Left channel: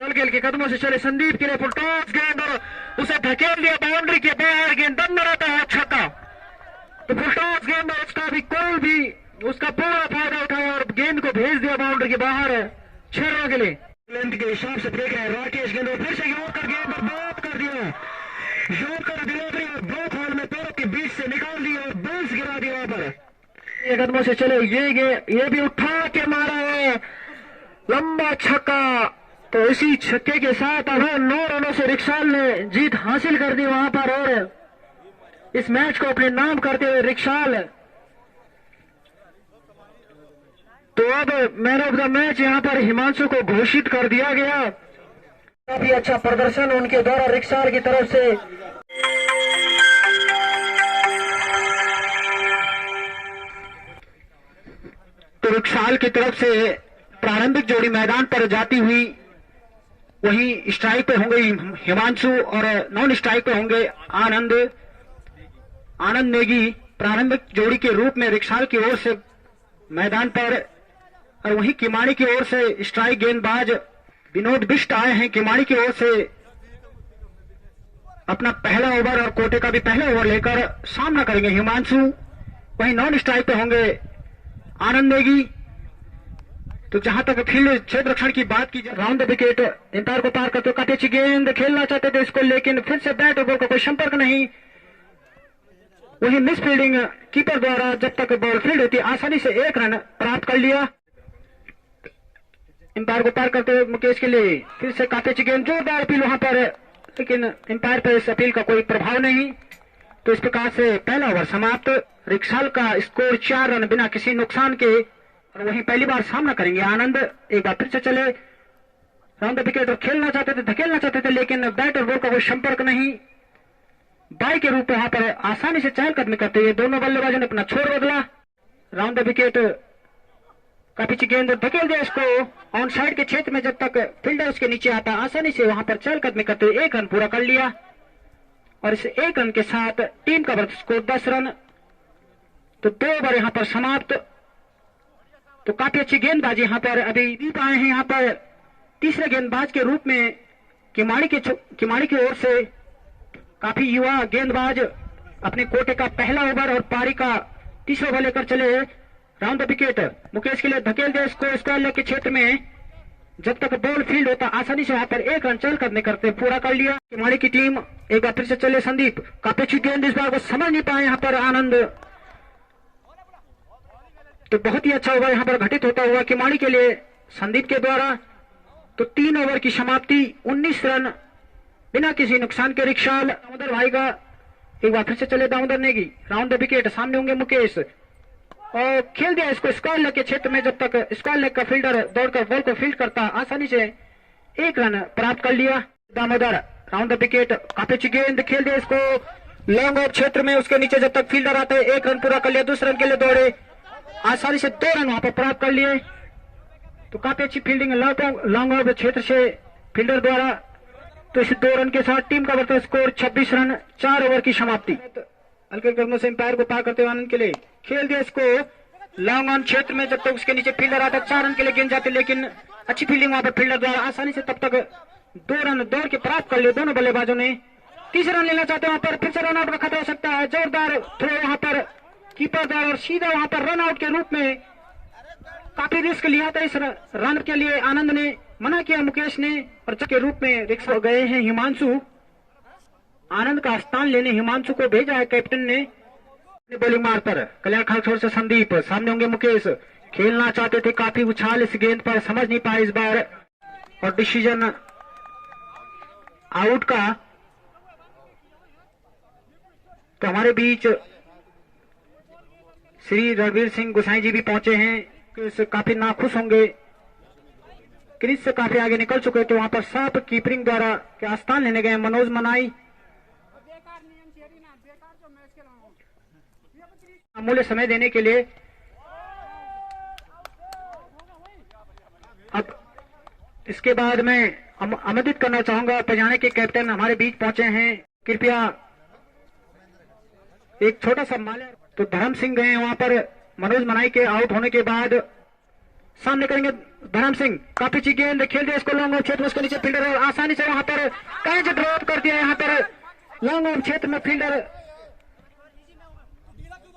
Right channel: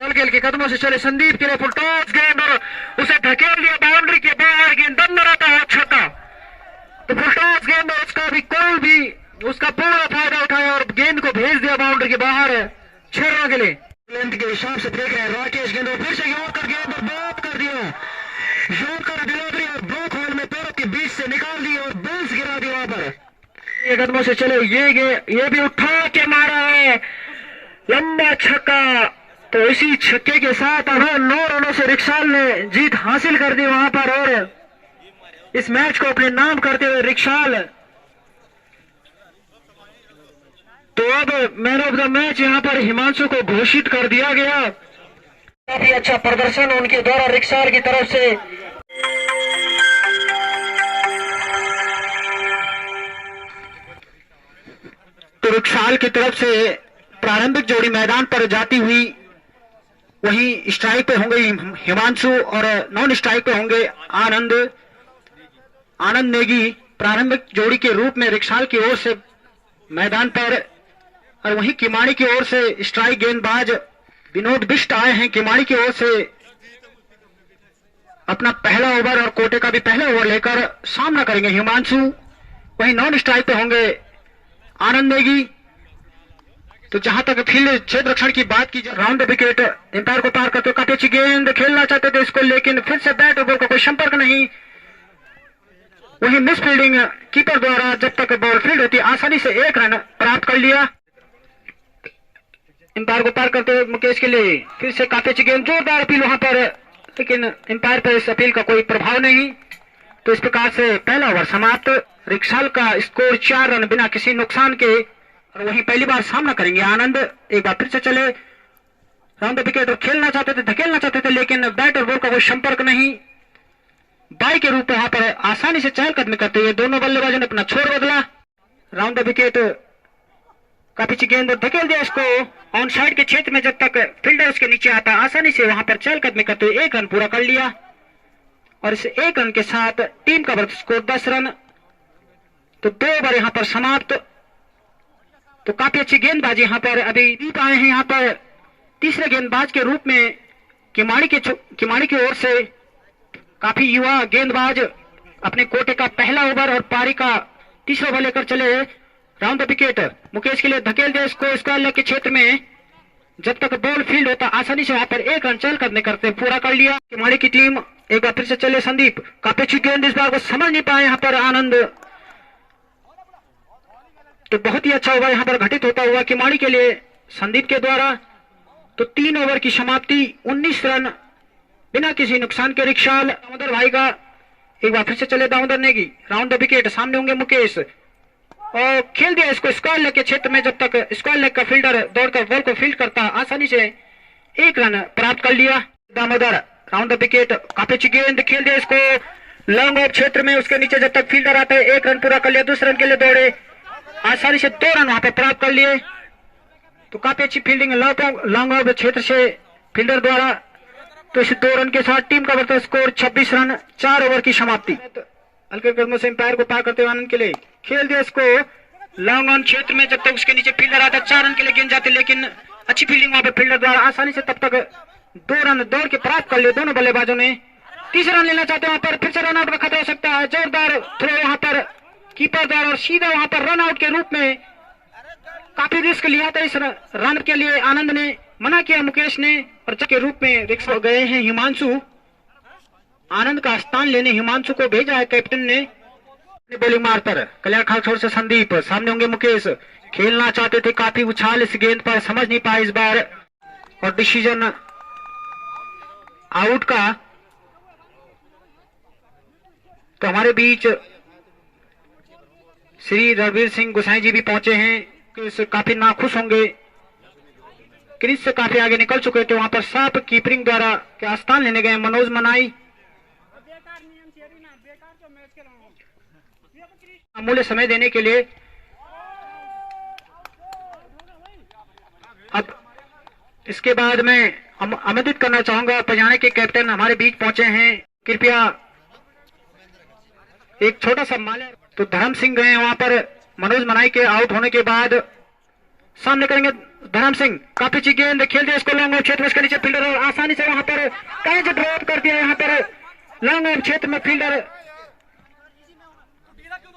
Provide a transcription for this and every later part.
खेल के कदमों से चले संदीप के लिए फुल टॉस गेंद और उसे धकेल दिया बाउंड्री के बाहर। गेंद बंद रहता है छक्का। तो फुल टॉस गेंद और उसका भी कोई भी उसका पूरा फायदा उठाया और गेंद को भेज दिया बाउंड्री के बाहर 6 रनों के लिए। लेंथ के हिसाब से देख रहे हैं राकेश गेंद फिर से योग कर गेंद बॉब कर दिया। योग कर डिलीवरी और ब्लॉक होल में पैरों के बीच से निकाल दिया और बेंच गिरा दिया वहां पर। ये कदमों से चले ये भी उठा के मारा है लंबा छक्का। तो इसी छक्के के साथ अब 9 रनों से रिक्शाल ने जीत हासिल कर दी वहां पर और इस मैच को अपने नाम करते हुए रिक्शाल तो अब मैन ऑफ द मैच यहां पर हिमांशु को घोषित कर दिया गया। काफी अच्छा प्रदर्शन उनके द्वारा रिक्शाल की तरफ से। तो रिक्शाल की तरफ से प्रारंभिक जोड़ी मैदान पर जाती हुई वहीं स्ट्राइक पे होंगे हिमांशु और नॉन स्ट्राइक पे होंगे आनंद नेगी। प्रारंभिक जोड़ी के रूप में रिक्शाल की ओर से मैदान पर और वहीं किमाड़ी की ओर से स्ट्राइक गेंदबाज विनोद बिष्ट आए हैं। किमाड़ी की ओर से अपना पहला ओवर और कोटे का भी पहला ओवर लेकर सामना करेंगे हिमांशु। वहीं नॉन स्ट्राइक पे होंगे आनंद नेगी। तो जहां तक फील्ड क्षेत्र रक्षण की बात की जाए राउंड विकेट एम्पायर को पार करते काफी अच्छी गेंद खेलना चाहते थे इसको, लेकिन फिर से बैट और बॉल का कोई संपर्क नहीं। वही मिस फील्डिंग कीपर द्वारा जब तक बॉल फील्ड होती आसानी से 1 रन प्राप्त कर लिया। एम्पायर को पार करते हुए मुकेश के लिए फिर से काफी अच्छी गेंद, जोरदार अपील वहां पर, लेकिन एम्पायर पर इस अपील का कोई प्रभाव नहीं। तो इस प्रकार से पहला ओवर समाप्त। रिक्शाल का स्कोर 4 रन बिना किसी नुकसान के। और वहीं पहली बार सामना करेंगे आनंद। एक बार फिर से चले राउंड विकेट और खेलना चाहते थे धकेलना चाहते थे, लेकिन बैट और बॉल का कोई संपर्क नहीं। बाई के रूप में वहां पर आसानी से चहलकदमी करते हुए दोनों बल्लेबाजों ने अपना छोर बदला। राउंड विकेट काफी अच्छी गेंद धकेल दिया इसको ऑन साइड के क्षेत्र में। जब तक फील्डर उसके नीचे आता आसानी से वहां पर चहलकदमी करते हुए 1 रन पूरा कर लिया और इस 1 रन के साथ टीम का वर्ग स्कोर 10 रन। तो 2 ओवर यहां पर समाप्त। तो काफी अच्छी गेंदबाजी यहां पर अभी दीप आए हैं। यहां पर तीसरे गेंदबाज के रूप में किमाड़ी की ओर से काफी युवा गेंदबाज अपने कोटे का पहला ओवर और पारी का तीसरा ओवर लेकर चले। राउंड विकेट मुकेश के लिए धकेल दिया इसको स्क्वायर लेग के क्षेत्र में। जब तक बॉल फील्ड होता आसानी से वहां पर 1 रन चहलकदमी करते पूरा कर लिया किमाड़ी की टीम। एक बार फिर से चले संदीप, काफी अच्छी गेंद इस बार को समझ नहीं पाए यहां पर आनंद। तो बहुत ही अच्छा ओवर यहां पर घटित होता हुआ किमाड़ी के लिए संदीप के द्वारा। तो 3 ओवर की समाप्ति 19 रन बिना किसी नुकसान के रिक्शाल दामोदर भाई का। एक बार फिर से चले दामोदर नेगी, राउंड विकेट सामने होंगे मुकेश और खेल दिया इसको स्क्वायर लेग के क्षेत्र में। जब तक स्क्वायर लेग का फील्डर दौड़कर बॉल को फील्ड करता आसानी से 1 रन प्राप्त कर लिया दामोदर। राउंड विकेट काफी अच्छी गेंद खेल दिया इसको लॉन्ग ऑफ क्षेत्र में। उसके नीचे जब तक फील्डर आता है 1 रन पूरा कर लिया। दूसरे रन के लिए दौड़े आसानी से 2 रन वहां पे प्राप्त कर लिए। तो काफी अच्छी फील्डिंग लॉन्ग ऑफ क्षेत्र से फील्डर द्वारा। तो इस 2 रन के साथ टीम का बढ़ता स्कोर 26 रन 4 ओवर की समाप्ति। हल्के कदमों से एम्पायर को पार करते हुए आनंद के लिए खेल दिया इसको लॉन्ग ऑन क्षेत्र में। जब तक उसके नीचे फील्डर आता 4 रन के लिए गेंद जाती, लेकिन अच्छी फील्डिंग वहां पर फील्डर द्वारा आसानी से तब तक 2 रन दौड़ के प्राप्त कर लिए दोनों बल्लेबाजों ने। तीसरा रन लेना चाहते हैं वहां पर, फिर से रन आउट का खतरा हो सकता है। जोरदार थ्रो वहां पर कीपर द्वारा और सीधा वहां पर रन आउट के रूप में काफी रिस्क लिया था। इस रन के लिए आनंद ने मना किया मुकेश ने और के रूप में रिस्क हो गए हैं हिमांशु। आनंद का स्थान लेने हिमांशु को भेजा है कैप्टन ने। बॉलिंग मारकर कल्याण खासौर से संदीप, सामने होंगे मुकेश, खेलना चाहते थे काफी उछाल इस गेंद पर, समझ नहीं पाए इस बार और डिसीजन आउट का। तो हमारे बीच श्री रणवीर सिंह गोसाई जी भी पहुंचे हैं। काफी नाखुश होंगे, क्रीज से काफी आगे निकल चुके थे। वहां पर साफ कीपरिंग द्वारा के स्थान लेने गए मनोज मनाई। अमूल्य समय देने के लिए अब इसके बाद मैं आमंत्रित करना चाहूंगा पजाने के कैप्टन हमारे बीच पहुंचे हैं। कृपया एक छोटा सा माल्या। तो धर्म सिंह गए वहां पर मनोज मनाई के आउट होने के बाद सामने करेंगे धर्म सिंह, काफी अच्छी गेंद खेल दिया इसको लॉन्ग ऑफ क्षेत्र में, इसके नीचे फील्डर आसानी से वहां पर कैच ड्रॉप कर दिया। यहाँ पर लॉन्ग ऑफ क्षेत्र में फील्डर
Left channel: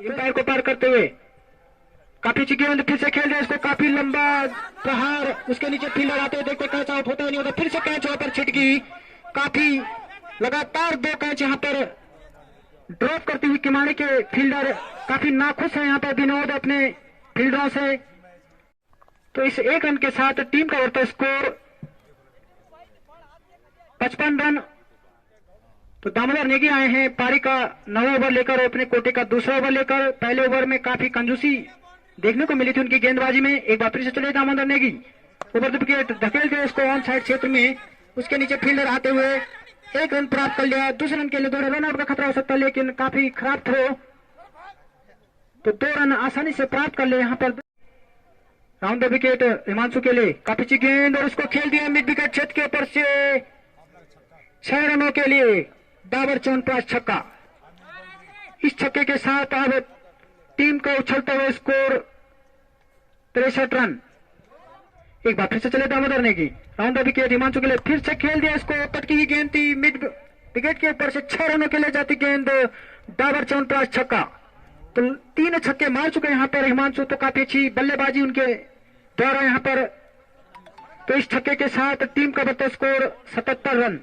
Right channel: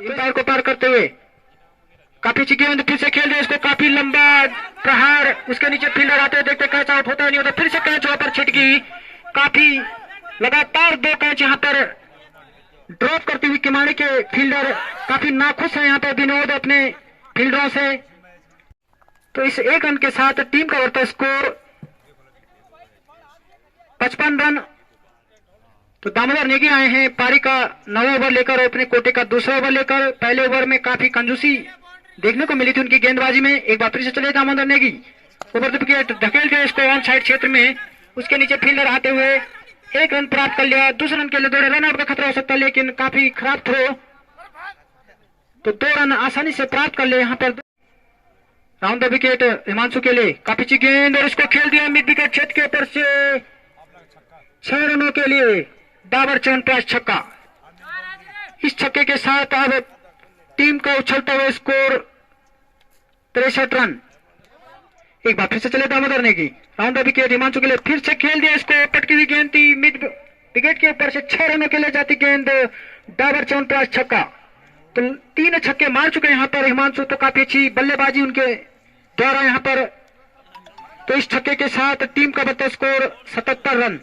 अंपायर को पार करते हुए काफी अच्छी गेंद फिर से खेल दिया इसको, काफी लंबा प्रहार, उसके नीचे फील्डर आते हुए देखते कैच आउट होता नहीं होता, फिर से कैच वहां पर छिटकी, काफी लगातार 2 कैच यहाँ पर ड्रॉप करती हुई किमाड़ी के फील्डर काफी नाखुश है यहाँ पर विनोद अपने फील्डरों से। तो इस 1 रन के साथ टीम का बढ़ता स्कोर 55 रन। तो दामोदर नेगी आए हैं पारी का 9वां ओवर लेकर और अपने कोटे का दूसरा ओवर लेकर। पहले ओवर में काफी कंजूसी देखने को मिली थी उनकी गेंदबाजी में। एक बार फिर से चले Damodar Negi, over the wicket धकेल दिया इसको ऑन साइड क्षेत्र में, उसके नीचे फील्डर आते हुए 1 रन प्राप्त कर लिया। दूसरे रन के लिए 2 रन आउट का खतरा हो सकता है, लेकिन काफी खराब थ्रो, तो 2 रन आसानी से प्राप्त कर लिया यहाँ पर। राउंड द विकेट हिमांशु के लिए काफी अच्छी गेंद और इसको खेल दिया मिड विकेट क्षेत्र के ऊपर से 6 रनों के लिए डाबर च्यवनप्राश छक्का। इस छक्के के साथ अब टीम का उछलता हुआ स्कोर 63 रन। एक बार फिर से चले Damodar Negi, round the wicket Himanshu के लिए फिर से खेल दिया इसको, पटकी हुई गेंद थी मिड विकेट के ऊपर से 6 रनों के लिए जाती गेंद, डाबर च्यवनप्राश छक्का। तो 3 छक्के मार चुके यहाँ पर हिमांशु, तो काफी अच्छी बल्लेबाजी उनके द्वारा यहाँ पर। तो इस छक्के के साथ टीम का बढ़ता स्कोर 77 रन।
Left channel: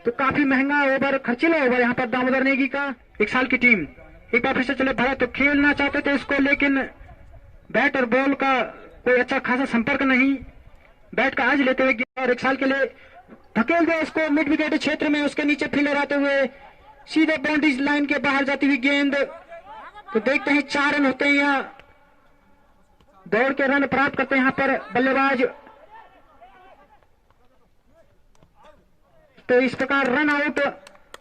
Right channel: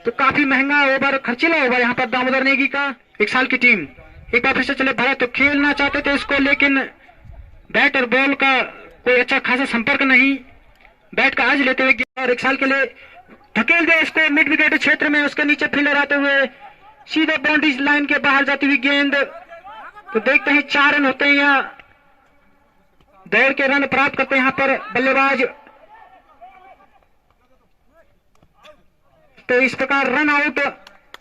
तो काफी महंगा ओवर, खर्चीला ओवर यहाँ पर दामोदर नेगी का। 1 साल की टीम एक बार फिर से चले भरत, तो खेलना चाहते थे इसको, लेकिन बैट और बॉल का कोई अच्छा खासा संपर्क नहीं, बैट का आज लेते हुए और 1 साल के लिए धकेल दिया इसको मिड विकेट क्षेत्र में, उसके नीचे फील्डर आते हुए सीधे बाउंड्री लाइन के बाहर जाती हुई गेंद। तो देखते हैं 4 रन होते हैं, यहाँ दौड़ के रन प्राप्त करते हैं यहाँ पर बल्लेबाज। तो इस प्रकार रन आउट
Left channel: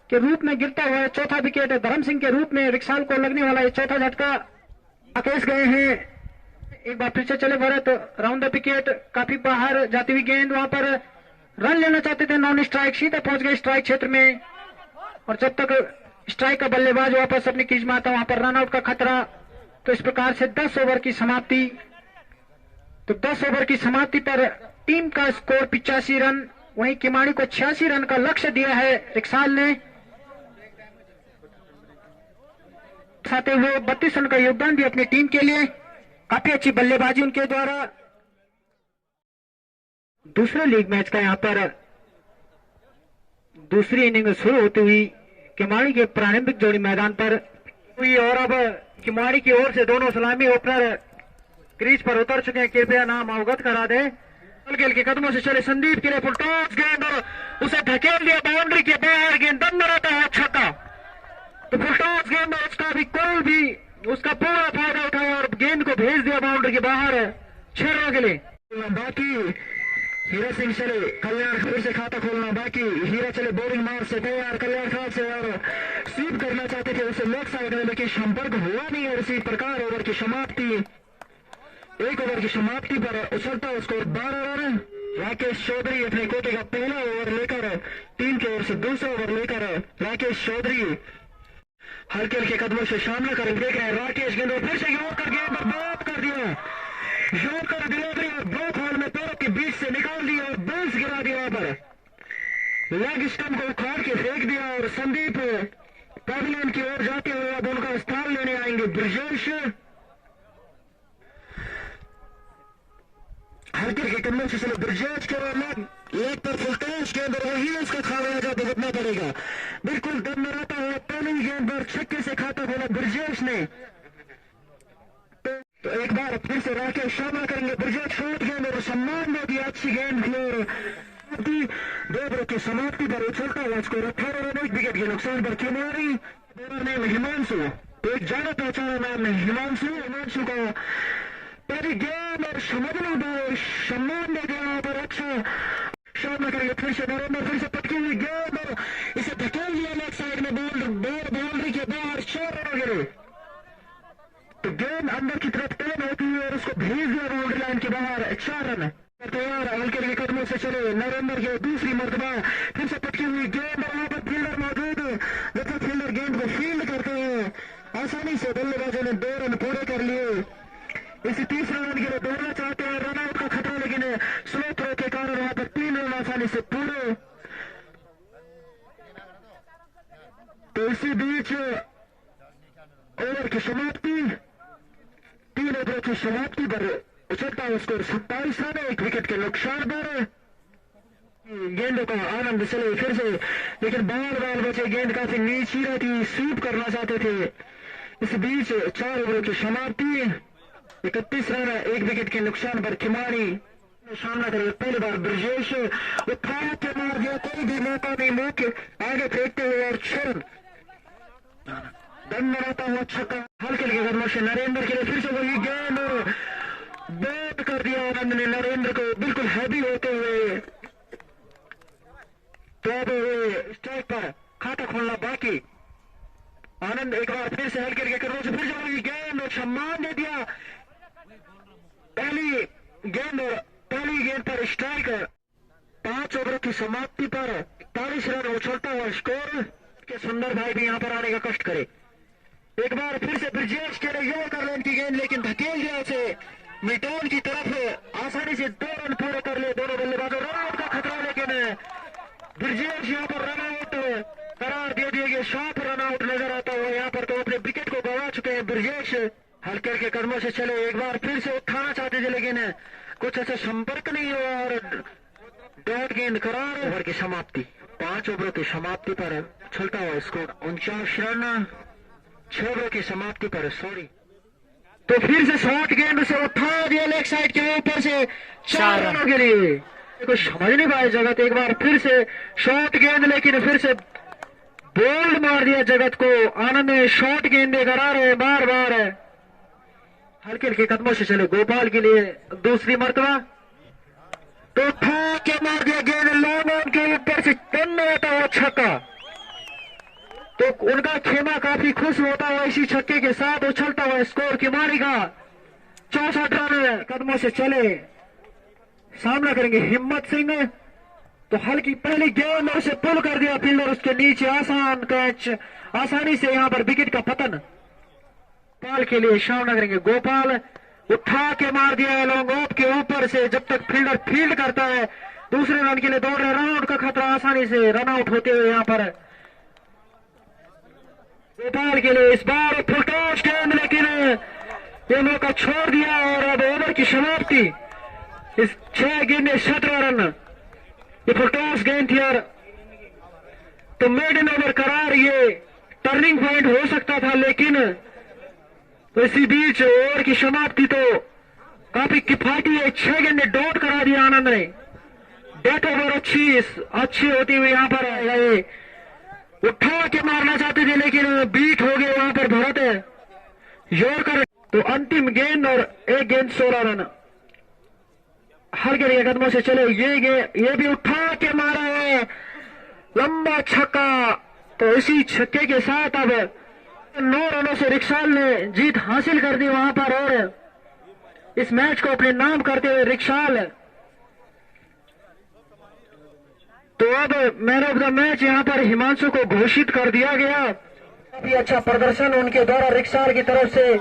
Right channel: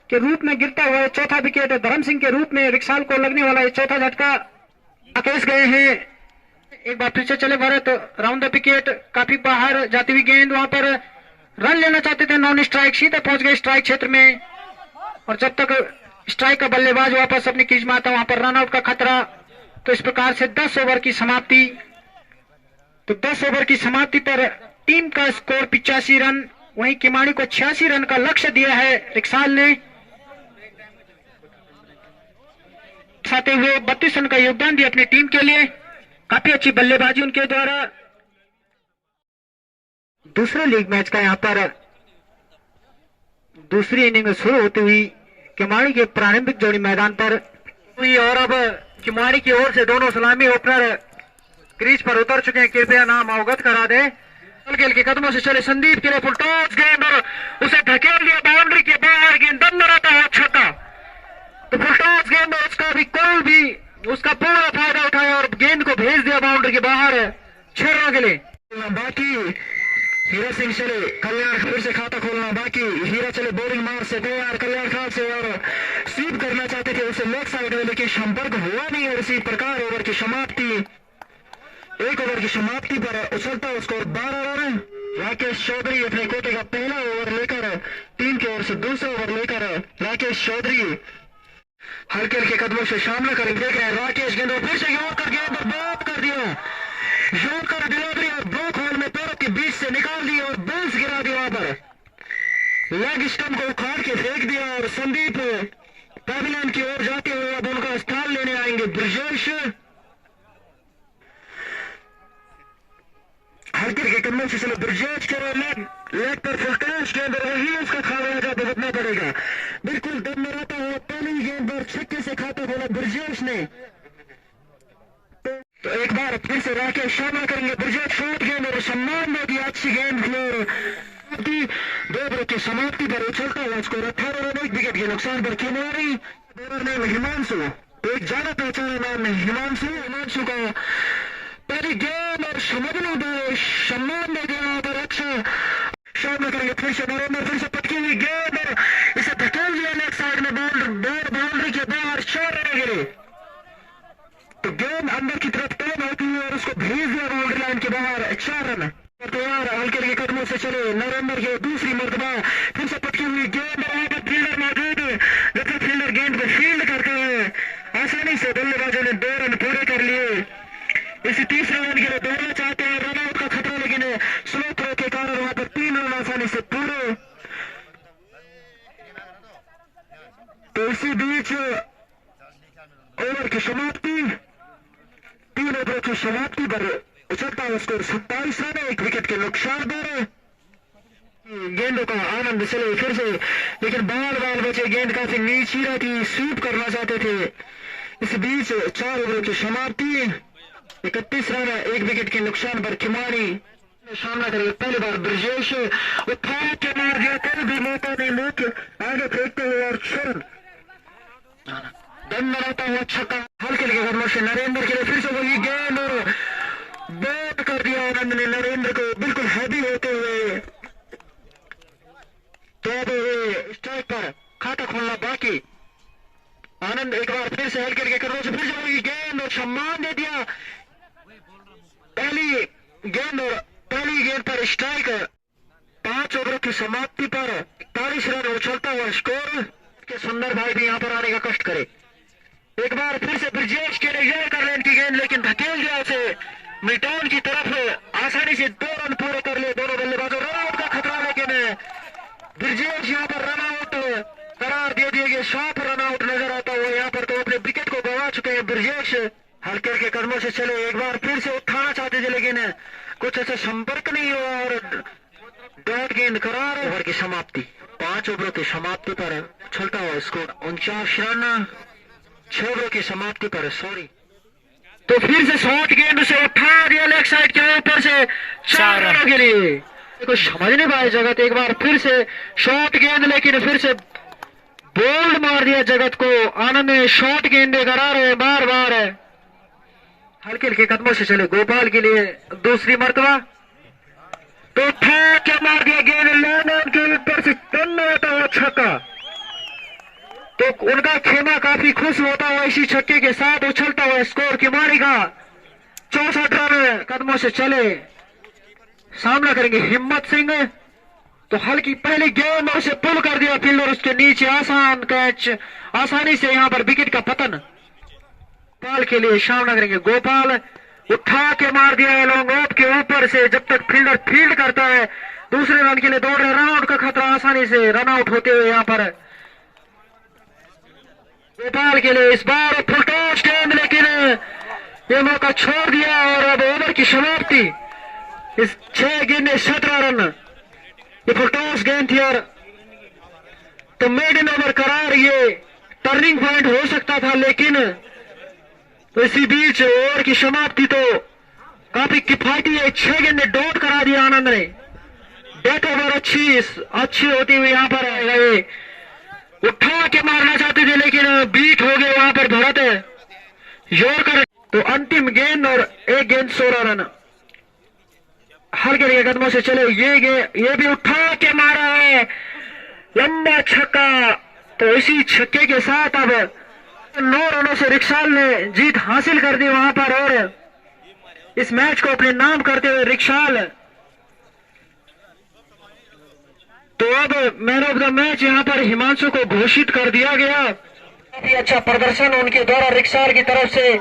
के रूप में गिरता हुआ चौथा विकेट धर्म सिंह के रूप में रिक्साल को लगने वाला है चौथा झटका। आकेश गए हैं, एक बार फिर से चले भरत, राउंड द विकेट काफी बाहर जाती हुई गेंद, वहां पर रन लेना चाहते थे, नॉन स्ट्राइक, सीधे पहुंच गए स्ट्राइक क्षेत्र में, और जब तक स्ट्राइक का बल्लेबाज वापस अपनी क्रीज में आता वहां पर रन आउट का खतरा। तो इस प्रकार से 10 ओवर की समाप्ति। तो 10 ओवर की समाप्ति पर टीम का स्कोर 85 रन, वहीं किमाड़ी को 86 रन का लक्ष्य दिया है रिक्साल ने, साथे हुए 32 रन का योगदान दिया अपनी टीम के लिए। काफी अच्छी बल्लेबाजी उनके द्वारा। दूसरे लीग मैच का यहाँ पर दूसरी इनिंग शुरू होती हुई किमाड़ी के प्रारंभिक जोड़ी मैदान पर हुई, और अब किमाड़ी की ओर से दोनों सलामी ओपनर क्रीज पर उतर चुके हैं, कृपया नाम अवगत करा दे। खेल के कदमों से चले संदीप के लिए फुल टॉस गेंद और उसे धकेल दिया बाउंड्री के बाहर, गेंद दम रहता है छक्का। तो फुल टॉस गेंद और उसका भी कोई भी उसका पूरा फायदा उठाया और गेंद को भेज दिया बाउंड्री के बाहर 6 रनों के लिए। बाकी हीरा सिंह चले, कल्याण फिर से खाता खोलना बाकी, हीरा चले बॉलिंग मार से तैयार कल्याण खान से, और स्वीप करना चाहते थे उसे लेग साइड में, लेकिन संपर्क हुआ नहीं, और इसी प्रकार ओवर की समाप्ति, 1 ओवर की समाप्ति पर उछलता स्कोर 12 रन। राकेश चौधरी अपने कोटे का पहला ओवर लेकर टीम की ओर से दूसरा ओवर लेकर राकेश चौधरी हल्के हल्के कदमों से सामना करेंगे। देख रहे हैं राकेश गेंद फिर से योग कर गेंद और बात कर दिया, योग कर डिलीवरी और ब्लॉक होल में पैरों के बीच से निकाल दिया और बेंच गिरा दिया, वहां पर लेग स्टंप को उखाड़ के फेंक दिया, और संदीप पैविलियन की ओर जाते हुए अब उनका स्थान लेने आएंगे ब्रजेश। हल्के के कदमों से चलो ब्रजेश करो, लेग पर फुलटेश गेंद रही, उसका खाया भुगतना पड़ेगा, बिल्कुल दम में रहता हुआ पहली गेंद पर छक्के से खाता खोला ब्रजेश ने। तो एक बार फिर से राकेश सामना करेंगे, ब्रजेश शॉट गेंद और सम्मान में दिया अच्छी गेंद और 2 ओवर की समाप्ति पर उछलता हुआ स्कोर 18 रन 1 विकेट के नुकसान पर किमाड़ी। नेम हिमांशु, एक ज्यादा पहचाना नाम है हिमांशु का पहली गेंद और समझने दो, सम्मान दे दिया पर अच्छा सामना करेंगे फिर से नरेंद्र, फिर से पटकी हुई गेंद और इसे धकेल दिया लेग साइड में, बाउंड्री के बाहर 4 रन के लिए। तो गेंद अंदर की तरफ टर्न होती है और उसको भेज दिया बाउंड्री लाइन के बाहर 4 रन तैयार। हल्के के कदमों से चले नरेंद्र के दूसरी मर्तबा, फिर से पटकी हुई गेंद और वहां पर फील्डर मौजूद है, लेकिन फील्डर गेंद को फील्ड करते हुए आसानी से बल्लेबाजों ने 2 रन पूरे कर लिए। इसी तीसरे रन के लिए दौड़ना चाहते हैं, रन आउट का खतरा, लेकिन स्लो थ्रो के कारण वहां पर 3 रन आसानी से पूरे। तो इसी बीच ओवर की समाप्ति, 3 ओवर की समाप्ति पर उछलता हुआ स्कोर 27 रन, 1 विकेट के नुकसान पर। गेंदों का आनंद चले फिर से, लेकिन बाल बचे, गेंद काफी नीची रहती, स्वीप करना चाहते थे। इस बीच 4 ओवर की समाप्ति, 31 रन, 1 विकेट के नुकसान पर खिमाड़ी सामना करेंगे। पहली बार ब्रजेश उठा के मार दिया, कल भी मौका नहीं, मुख आगे फेंकते हुए और छुन दम बनाता हुआ छक्का हल्के लगे कदमों से नरेंद्र के लिए, फिर से वही गेंद और बैट कर दिया आनंद ने नरेंद्र को बिल्कुल हैवी होते हुए। तो अब स्ट्राइक पर खाता खोलना बाकी। आनंद एक बार फिर से हल्के लगे कदमों से, फिर से वही गेंद और सम्मान दे दिया। पहली गेंद पर स्ट्राइक। 5 ओवर की समाप्ति पर 41 रन उछलता हुआ स्कोर के सुंदर भाई भी यहां पर आने का कष्ट करे। एक बार फिर से ब्रिजेश के लिए कर ले इनकी गेंद, लेकिन धकेल दिया उसे मिटान की तरफ, आसानी से 2 रन पूरे कर ले दोनों बल्लेबाजों। रन आउट का खतरा, लेकिन ब्रिजेश यहां पर रन आउट करार दे दिए गए। 7 रन आउट नजर आता हुआ यहाँ पर, तो अपने विकेट को गंवा चुके हैं ब्रिजेश। हल्के के कदमों से चले, एक बार फिर से उठाना चाहते थे, लेकिन कुछ ऐसा संपर्क नहीं हुआ और डॉट गेंद करार। ओवर की समाप्ति, 5 ओवरों की समाप्ति पर चलता हुआ स्कोर 49 रन, 6 ओवरों की समाप्ति पर तो फिर से शॉर्ट गेंद से उठा दिया लेग साइड के ऊपर से 4 रनों के लिए। कुछ समझ नहीं पाया जगत, एक बार फिर से शॉर्ट गेंद, लेकिन फिर से बोल्ड मार दिया जगत को। आनंद ने शॉर्ट गेंद करा रहे बार बार, हल्के कदमों से चले गोपाल के लिए दूसरी मर्तबा, तो फेंक के मार दिया गेंद लॉन्ग के ऊपर से, तन्ना होता हुआ छक्का। तो उनका खेमा काफी खुश होता हुआ इसी छक्के के साथ उछलता हुआ स्कोर खिमाड़ी का 64 रन कदमों से चले। सामना करेंगे हिम्मत सिंह, तो हल्की पहली गेंद में उसे पुल कर दिया फील्डर, उसके नीचे आसान कैच, आसानी से यहां पर विकेट का पतन। गोपाल के लिए सामना करेंगे गोपाल, उठा के मार दिया लॉन्ग ऑफ के ऊपर से, जब तक फील्डर फील्ड करता है। दूसरे रन के लिए दौड़ रहे, रन आउट का खतरा, आसानी से रन आउट होते हुए यहाँ पर गोपाल के लिए इस बार फुल टॉस गेंद, लेकिन ये मौका छोड़ दिया। और अब ओवर की समाप्ति, इस 6 गेंद 17 रन, ये फुल टॉस गेंद थी और तो मेडन ओवर करार, ये टर्निंग पॉइंट हो सकता था, लेकिन तो इसी बीच ओवर की समाप्ति तो काफी किफायती है। 6 गेंदे डॉट करा दिया आनंद ने। डेथ ओवर अच्छी होती हुई यहाँ पर गए, उठा के मारना चाहते थे, लेकिन बीट हो गए वहां पर भरत यॉर्कर। तो अंतिम गेंद और 1 गेंद 16 रन, हल्के कदमों से चले, ये भी उठा के मारा है, लंबा छक्का। तो इसी छक्के के साथ अब 9 रनों से रिक्शाल ने जीत हासिल कर दी वहां पर, और इस मैच को अपने नाम करते हुए रिक्शाल तो अब मैन ऑफ द मैच यहां पर हिमांशु को घोषित कर दिया गया। काफी अच्छा प्रदर्शन उनके द्वारा रिक्शाल की तरफ से